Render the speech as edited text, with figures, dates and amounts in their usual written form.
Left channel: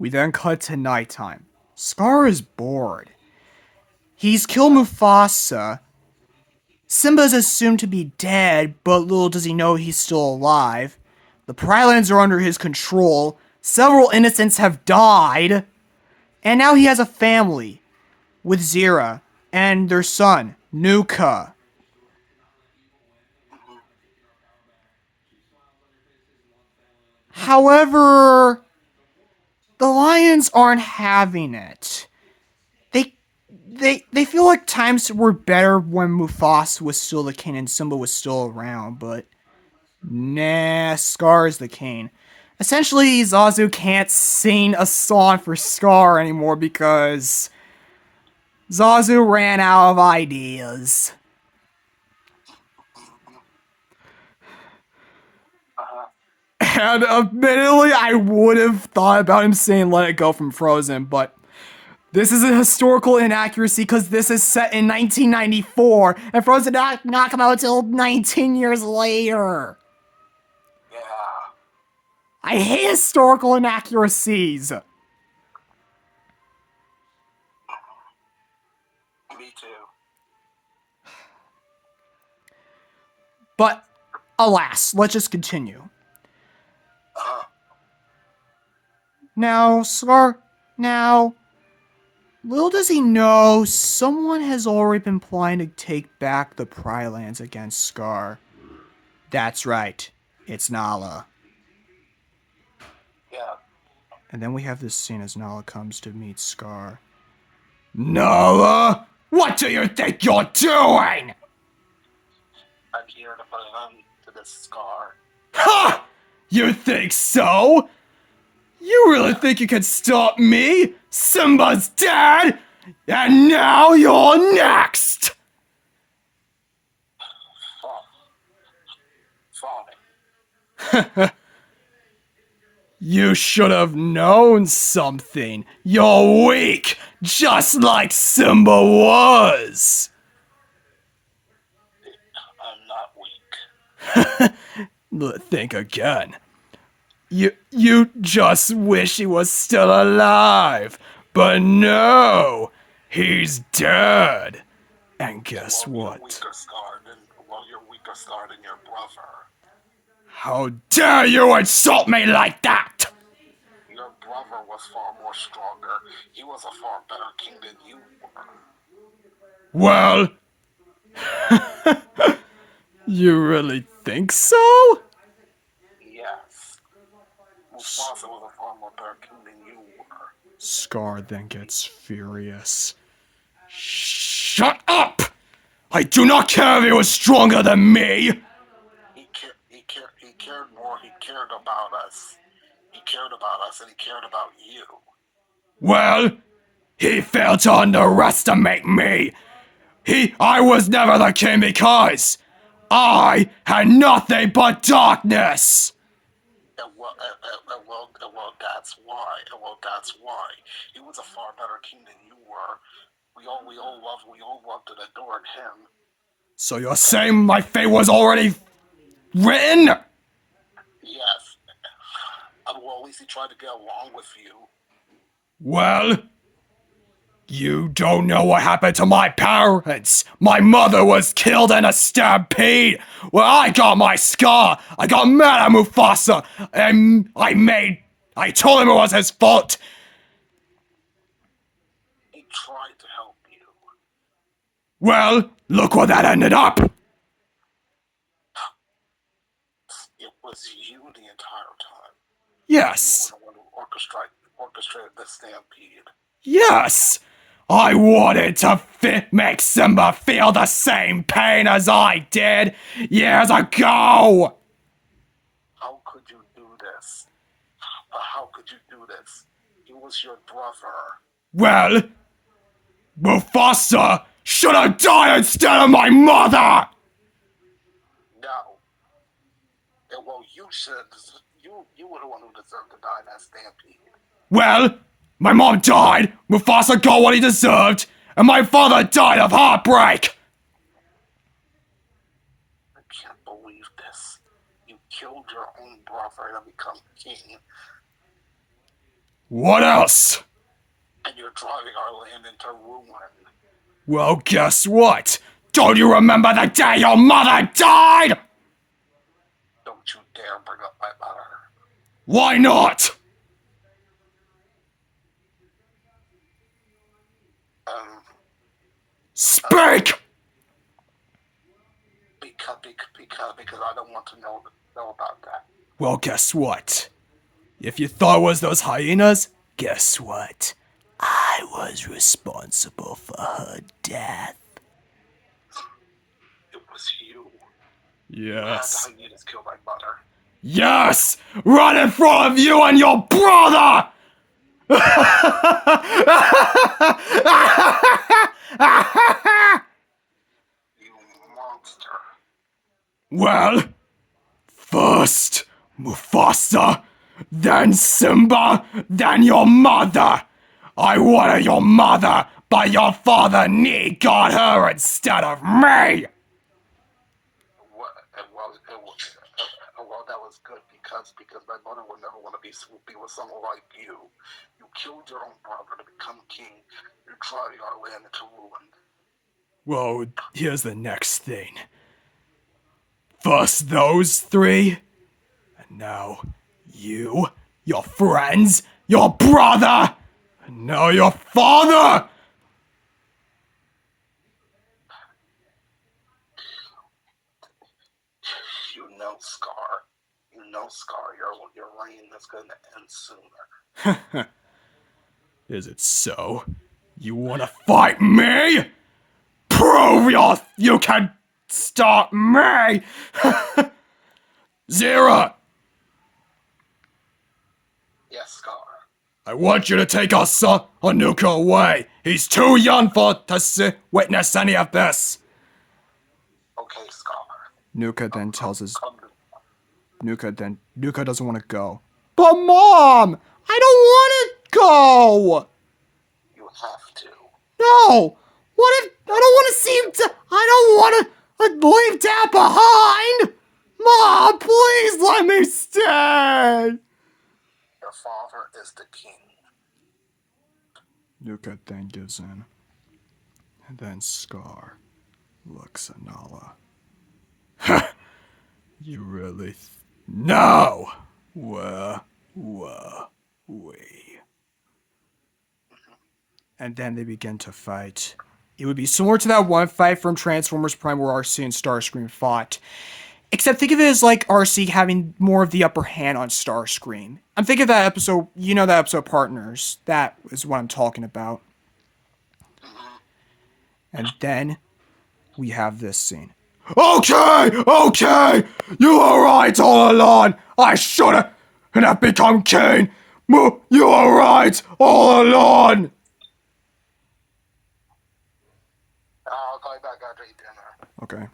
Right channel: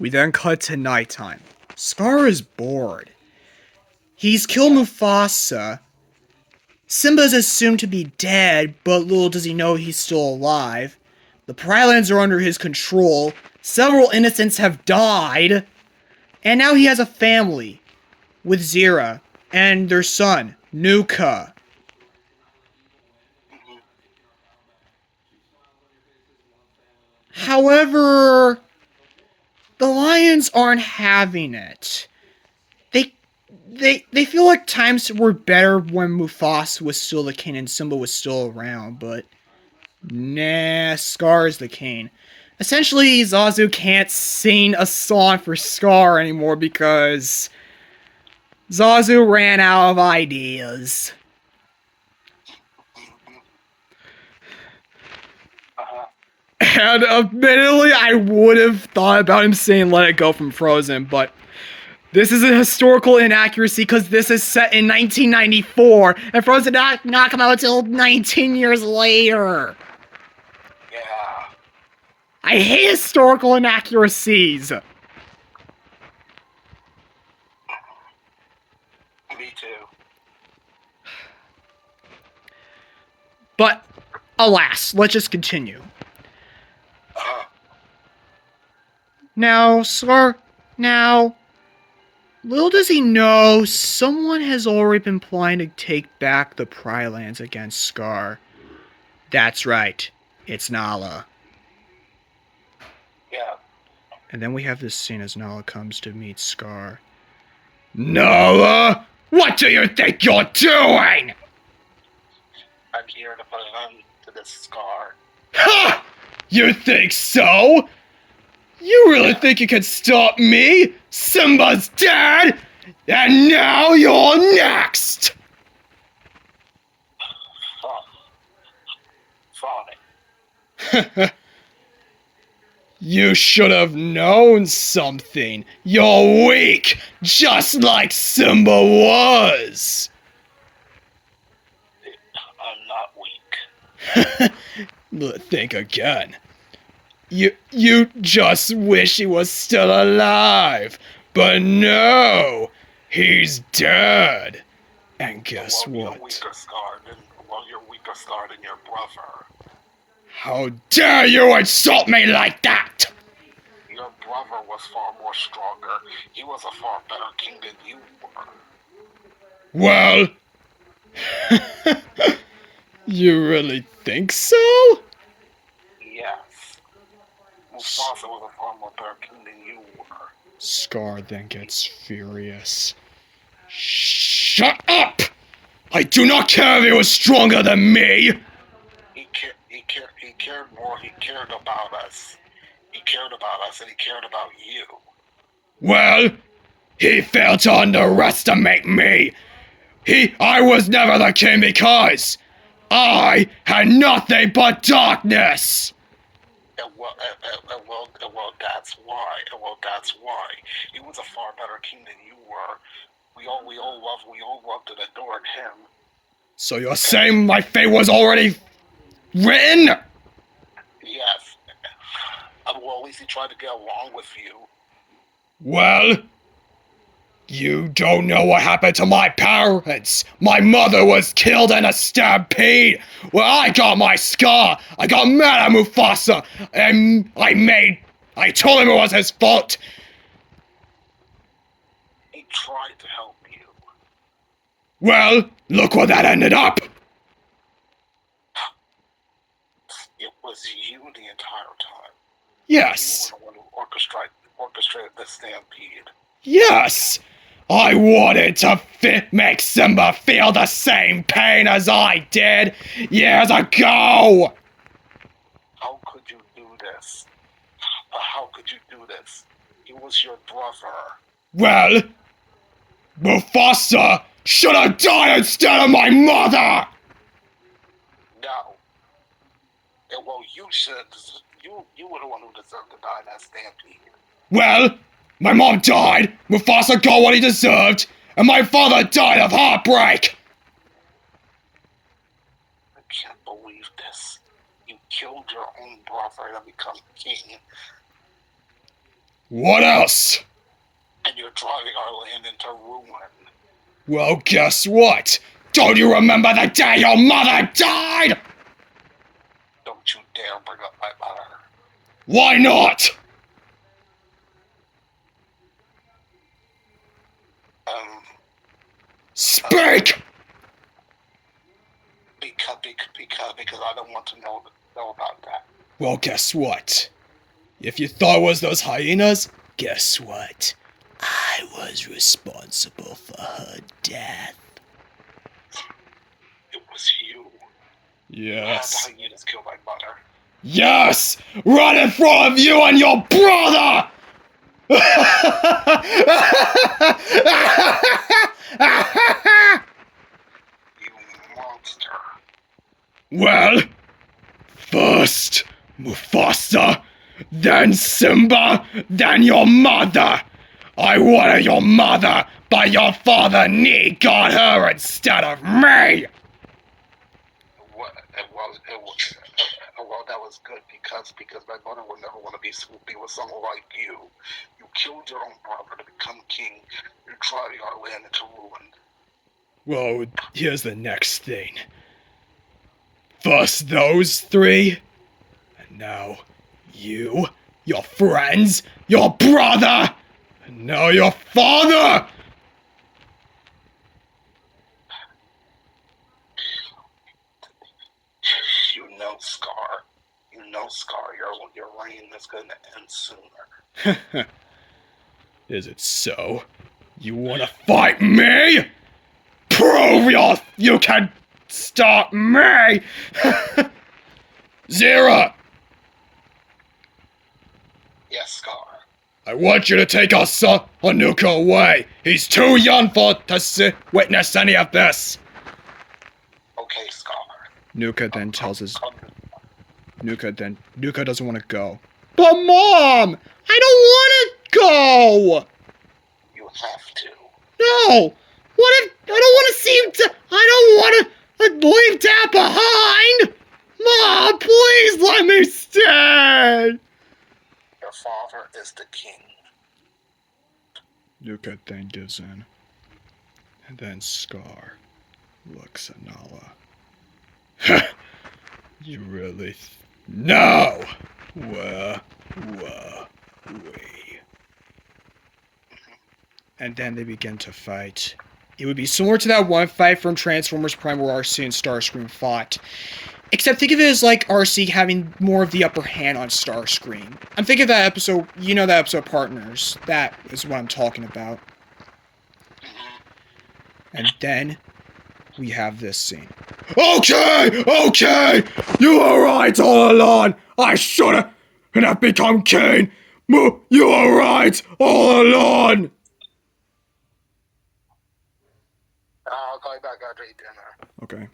We then cut to nighttime. Scar is bored. He's killed Mufasa. Simba's assumed to be dead, but little does he know he's still alive. The Prylands are under his control. Several innocents have died. And now he has a family with Zira and their son, Nuka. However, the Lions aren't having it. They they feel like times were better when Mufasa was still the king and Simba was still around, but nah, Scar is the king. Essentially, Zazu can't sing a song for Scar anymore because Zazu ran out of ideas. And admittedly, I would have thought about him saying Let It Go from Frozen, but this is a historical inaccuracy because this is set in 1994, and Frozen not come out until 19 years later. Yeah. I hate historical inaccuracies. Me too. But alas, let's just continue. Now, Scar, little does he know, someone has already been planning to take back the Prylands against Scar. That's right, it's Nala. Yeah. And then we have this scene as Nala comes to meet Scar. Nala, what do you think you're doing? I'm here to put an end to this Scar. Ha! You think so? You really think you can stop me? Simba's dead, and now you're next! Fine. You should have known something. You're weak, just like Simba was. I'm not weak. Think again. You just wish he was still alive. But no, he's dead. And guess what? You're weaker Scar than your brother. How dare you insult me like that? Your brother was far more stronger. He was a far better king than you were. Well, you really think so? Yes. Mufasa was a far more better king than you were. Scar then gets furious. Shut up! I do not care if he was stronger than me! He cared more. He cared about us. He cared about us and he cared about you. Well, he failed to underestimate me. I was never the king because I had nothing but darkness. Well, that's why. He was a far better king than you were. We all loved and adored him. So you're saying my fate was already written? Yes. Well, at least he tried to get along with you. Well, you don't know what happened to my parents. My mother was killed in a stampede. When I got my scar, I got mad at Mufasa, and I told him it was his fault. He tried to help you. Well, look where that ended up. It was you the entire time. Yes. You were the one who orchestrated the stampede. Yes. I wanted to make Simba feel the same pain as I did years ago. How could you do this? How could you do this? He was your brother. Well, Mufasa should have died instead of my mother! No. Well, you should. You were the one who deserved to die in that stampede. Well, my mom died, Mufasa got what he deserved, and my father died of heartbreak! I can't believe this. You killed your own brother to become king. What else? And you're driving our land into ruin. Well, guess what? Don't you remember the day your mother died? Don't you dare bring up my mother. Why not? Speak! Because I don't want to know about that. Well, guess what? If you thought it was those hyenas, guess what? I was responsible for her death. It was you. Yes. How you just killed my mother. Yes! Right in front of you and your brother! You monster. Well, first Mufasa, then Simba, then your mother. I wanted your mother, but your father Nee got her instead of me. Well, that was good because my mother would never want to be with someone like you. You killed your own brother to become king. You're driving our land into ruin. Well, here's the next thing. First those three, and now you, your friends, your brother, and now your father! You know, Scar, your reign is going to end sooner. Is it so? You wanna fight me? Prove you can stop me! Zira! Yes, Scar. I want you to take our son, Hanuka, away. He's too young to witness any of this. Okay, Scar. Nuka then tells his... Nuka doesn't want to go. But Mom! I don't want to go! You have to. No! What if... I don't want to see him... I don't want to leave Dad behind! Mom, please let me stay! Your father is the king. Nuka then gives in. And then Scar looks at Nala. You really... No! Where were we? And then they begin to fight. It would be similar to that one fight from Transformers Prime where RC and Starscream fought. Except think of it as like RC having more of the upper hand on Starscream. I'm thinking of that episode, you know that episode Partners. That is what I'm talking about. And then we have this scene. Okay! You were right all along! I should've have become king! You were right all along! I'll call you back after I eat dinner. Okay.